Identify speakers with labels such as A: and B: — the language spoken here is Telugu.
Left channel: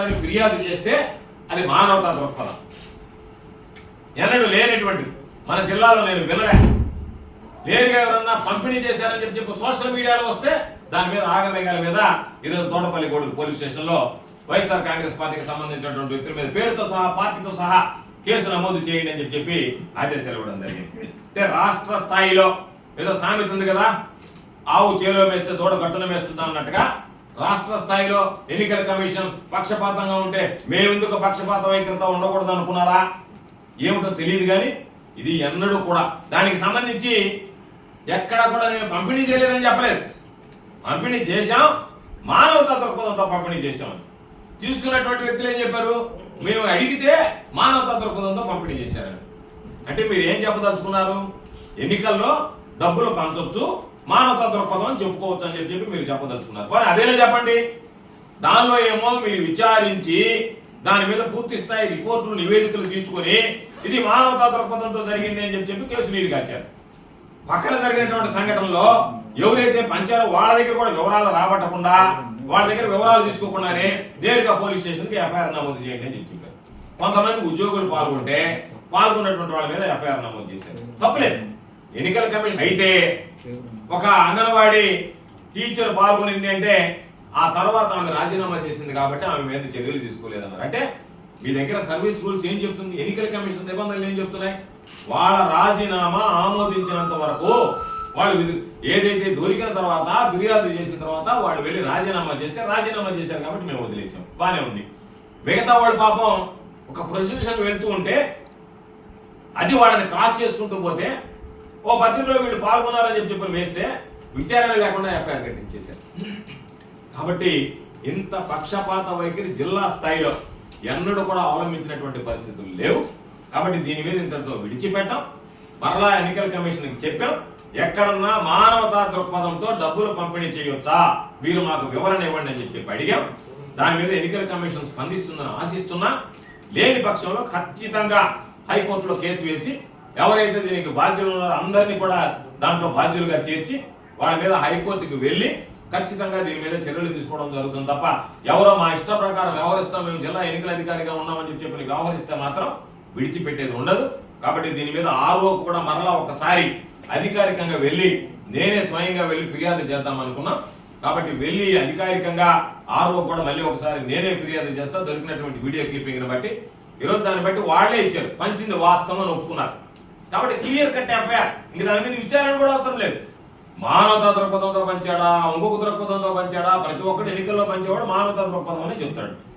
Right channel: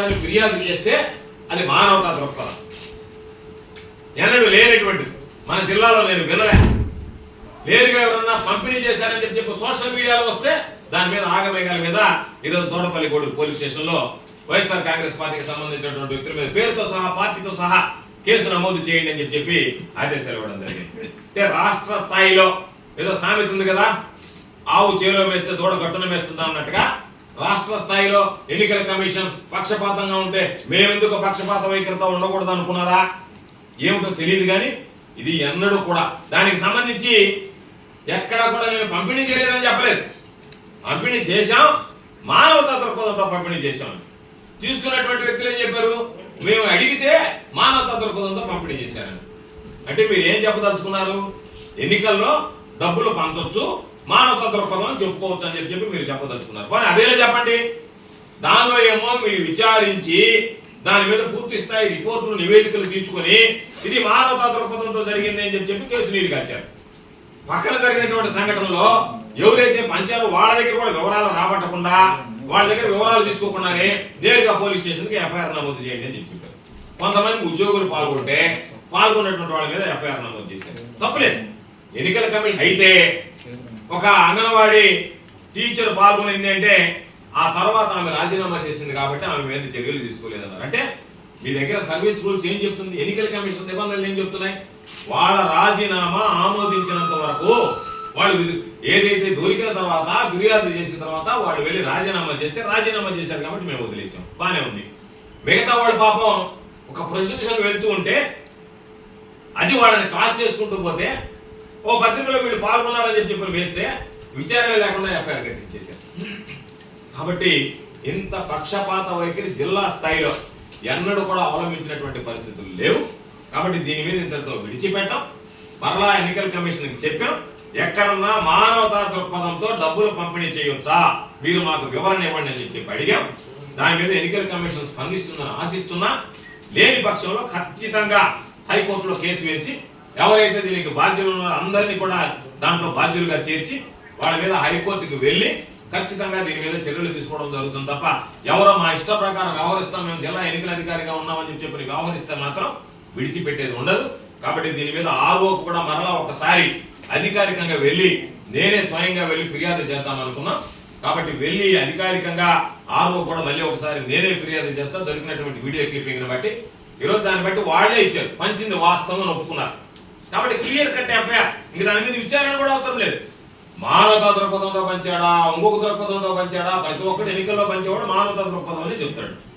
A: చేశాడని ఫిర్యాదు చేస్తే అది మానవతా దృక్పథం. ఎన్నడూ లేనటువంటిది. మన జిల్లాలో నేను వినలే. లేరుగా ఎవరన్నా పంపిణీ చేశారని చెప్పి చెప్పి సోషల్ మీడియాలో వస్తే దాని మీద ఆగమేఘాల మీద ఈరోజు తోటపల్లి గోడు పోలీస్ స్టేషన్లో వైఎస్ఆర్ కాంగ్రెస్ పార్టీకి సంబంధించినటువంటి వ్యక్తుల మీద పేరుతో సహా పార్టీతో సహా కేసు నమోదు చేయండి అని చెప్పి చెప్పి ఆదేశాలు ఇవ్వడం జరిగింది. అంటే రాష్ట్ర స్థాయిలో ఏదో సామెత ఉంది కదా ఆవు చేలో వేస్తే దూడ గట్టున వేస్తుందా అన్నట్టుగా రాష్ట్ర స్థాయిలో ఎన్నికల కమిషన్ పక్షపాతంగా ఉంటే మేమెందుకు పక్షపాత వైఖరితో ఉండకూడదు అనుకున్నారా? ఏమిటో తెలియదు కానీ ఇది ఎన్నడూ కూడా. దానికి సంబంధించి ఎక్కడా కూడా నేను పంపిణీ చేయలేదని చెప్పలేదు. పంపిణీ చేశాం. మానవతా దృక్పథంతో పంపిణీ చేశాం. తీసుకున్నటువంటి వ్యక్తులు ఏం చెప్పారు? మేము అడిగితే మానవతా దృక్పథంతో పంపిణీ చేశారని. అంటే మీరు ఏం చెప్పదలుచుకున్నారు? ఎన్నికల్లో డబ్బులు పంచవచ్చు మానవతా దృక్పథం అని చెప్పుకోవచ్చు అని చెప్పి మీరు చెప్పదలుచుకున్నారు. పోనీ అదేలా చెప్పండి? దానిలో ఏమో మీరు విచారించి దాని మీద పూర్తి స్థాయి రిపోర్టులు నివేదికలు తీసుకొని ఇది మానవతా దృక్పథంతో జరిగింది అని చెప్పి కేసు నీరు కాచారు. పక్కన జరిగినటువంటి సంఘటనలో ఎవరైతే పంచారో వాళ్ళ దగ్గర కూడా వివరాలు రాబట్టకుండా వాళ్ళ దగ్గర వివరాలు తీసుకోకుండానే నేరుగా పోలీస్ స్టేషన్కి ఎఫ్ఐఆర్ నమోదు చేయండి అని చెప్పి చెప్పారు. కొంతమంది ఉద్యోగులు పాల్గొంటే పాల్గొన్నటువంటి వాళ్ళ మీద ఎఫ్ఐఆర్ నమోదు చేశారు. తప్పులేదు. ఎన్నికల కమిషన్ అయితే ఒక అంగన్వాడీ టీచర్ పాల్గొనింది అంటే ఆ తర్వాత ఆమె రాజీనామా చేసింది కాబట్టి ఆమె మీద చర్యలు తీసుకోలేదన్నారు. అంటే మీ దగ్గర సర్వీస్ రూల్స్ ఏం చెప్తుంది? ఎన్నికల కమిషన్ నిబంధనలు ఏం చెప్తున్నాయి? వాళ్ళ రాజీనామా ఆమోదించినంత వరకు వాళ్ళు ఏదైతే దొరికిన తర్వాత ఫిర్యాదు చేసిన తర్వాత వాళ్ళు వెళ్ళి రాజీనామా చేస్తే రాజీనామా చేశారు కాబట్టి మేము వదిలేసాం బాగానే ఉంది. మిగతా వాళ్ళు పాపం ఒక ప్రొసెషన్ వెళ్తూ ఉంటే అది వాళ్ళని క్రాస్ చేసుకుంటూ పోతే ఓ పత్రికలో వీళ్ళు పాల్గొన్నారని చెప్పి చెప్పి వేస్తే విచారణ లేకుండా ఎఫ్ఐఆర్ కట్టించేశారు కాబట్టి ఇంత పక్షపాత వైఖరి జిల్లా స్థాయిలో ఎన్నడూ కూడా అవలంబించినటువంటి పరిస్థితులు లేవు. కాబట్టి దీని మీద ఇంతటితో విడిచిపెట్టాం. మరలా ఎన్నికల కమిషన్కి చెప్పాం. ఎక్కడన్నా మానవతా దృక్పథంతో డబ్బులు పంపిణీ చేయొచ్చా మీరు మాకు వివరణ ఇవ్వండి అని చెప్పి అడిగాం. దాని మీద ఎన్నికల కమిషన్ స్పందిస్తుందని ఆశిస్తున్నా. లేని పక్షంలో ఖచ్చితంగా హైకోర్టులో కేసు వేసి ఎవరైతే దీనికి బాధ్యులు ఉన్నారో అందరినీ కూడా దాంట్లో బాధ్యులుగా చేర్చి వాళ్ళ మీద హైకోర్టుకి వెళ్ళి ఖచ్చితంగా దీని మీద చర్యలు తీసుకోవడం జరుగుతుంది తప్ప ఎవరో మా ఇష్ట ప్రకారం వ్యవహరిస్తాం మేము జిల్లా ఎన్నికల అధికారిగా ఉన్నామని చెప్పి చెప్పి వ్యవహరిస్తే మాత్రం విడిచిపెట్టేది ఉండదు. కాబట్టి దీని మీద ఆరోపు కూడా మరలా ఒకసారి అధికారికంగా వెళ్ళి నేనే స్వయంగా వెళ్ళి ఫిర్యాదు చేద్దాం అనుకున్నాం. కాబట్టి వెళ్ళి అధికారికంగా ఆర్ఓ కూడా మళ్ళీ ఒకసారి నేనే ఫిర్యాదు చేస్తా. దొరికినటువంటి వీడియో క్లిప్పింగ్ని బట్టి ఈరోజు దాన్ని బట్టి వాళ్ళే ఇచ్చారు. పంచింది వాస్తవం అని ఒప్పుకున్నారు. కాబట్టి క్లియర్ కట్ ఎఫ్ఐఆర్ ఇంక దాని మీద విచారణ కూడా అవసరం లేదు. మానవతా దృక్పథంతో పంచాడా? ఇంకొక దృక్పథంతో పంచాడా? ప్రతి ఒక్కటి ఎన్నికల్లో పంచేవాడు మానవతా దృక్పథం అని చెప్తాడు.